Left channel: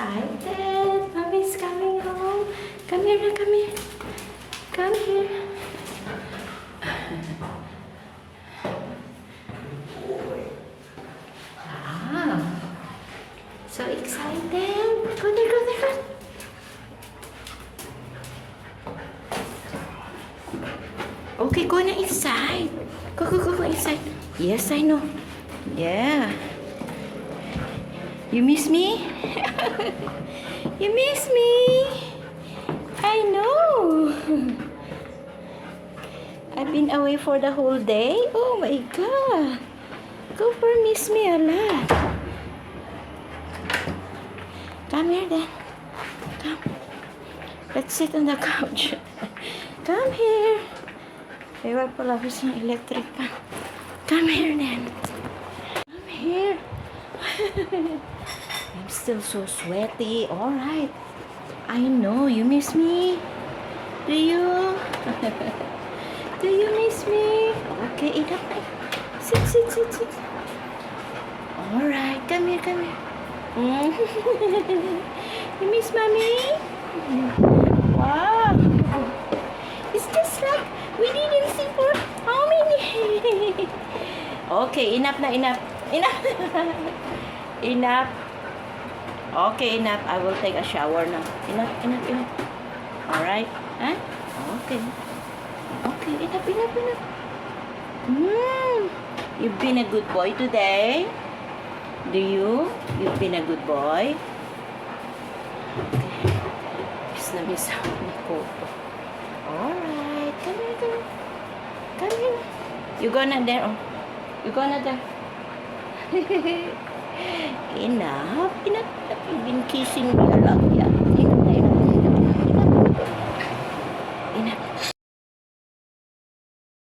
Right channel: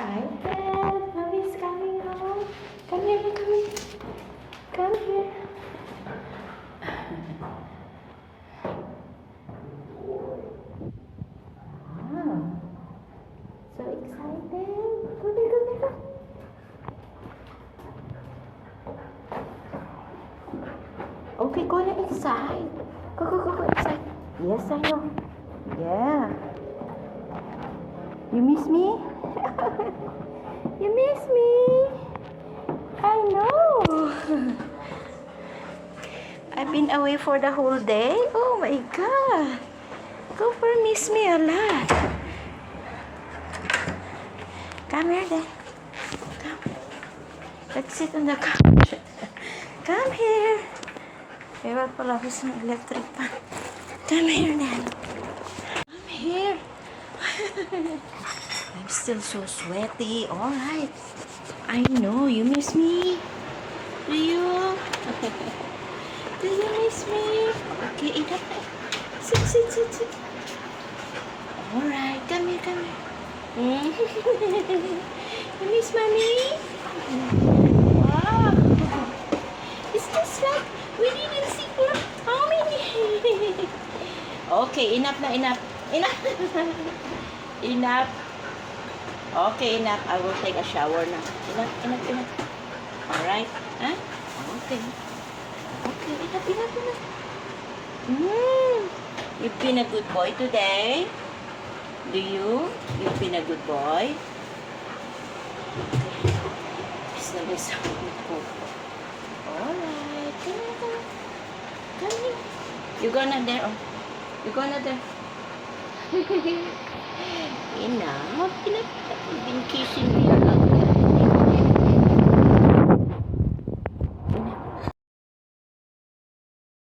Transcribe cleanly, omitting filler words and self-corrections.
excited. Mommy's coming home. Come here na, come here. Come here. Wow. So excited. Go there, go there, go. Okay, go na inside. Go, go, go, go inside. Yes, I know. Yeah. You miss me? You miss me? I know. I've been away for the whole day. Oh my God. Cooper miss me a lot. Come here then. Come. Let's sit on the couch. Come here. Ewan pala ako ng electric pa. Come here then. Come here. I'm still so sweaty. Alright. I know. You miss me? Do you? Do you miss me? Okay, enough. Sit, sit, sit, sit. Alright. Come here, come here. You miss mommy? Wow. It's just like we didn't see for how many? Okay, enough na, enough. Enough. Enough. Okay, enough. I will take a shower now. Enough, enough, enough. Alright? Huh? Okay. Okay, enough, enough, enough. You've been a good boy today. Do you? You've been a good boy. Miss na miss ako. Alright. Come here, come here. Come here. You gonna there? Oh. You gonna there? Enough. Enough. You've been kissing me.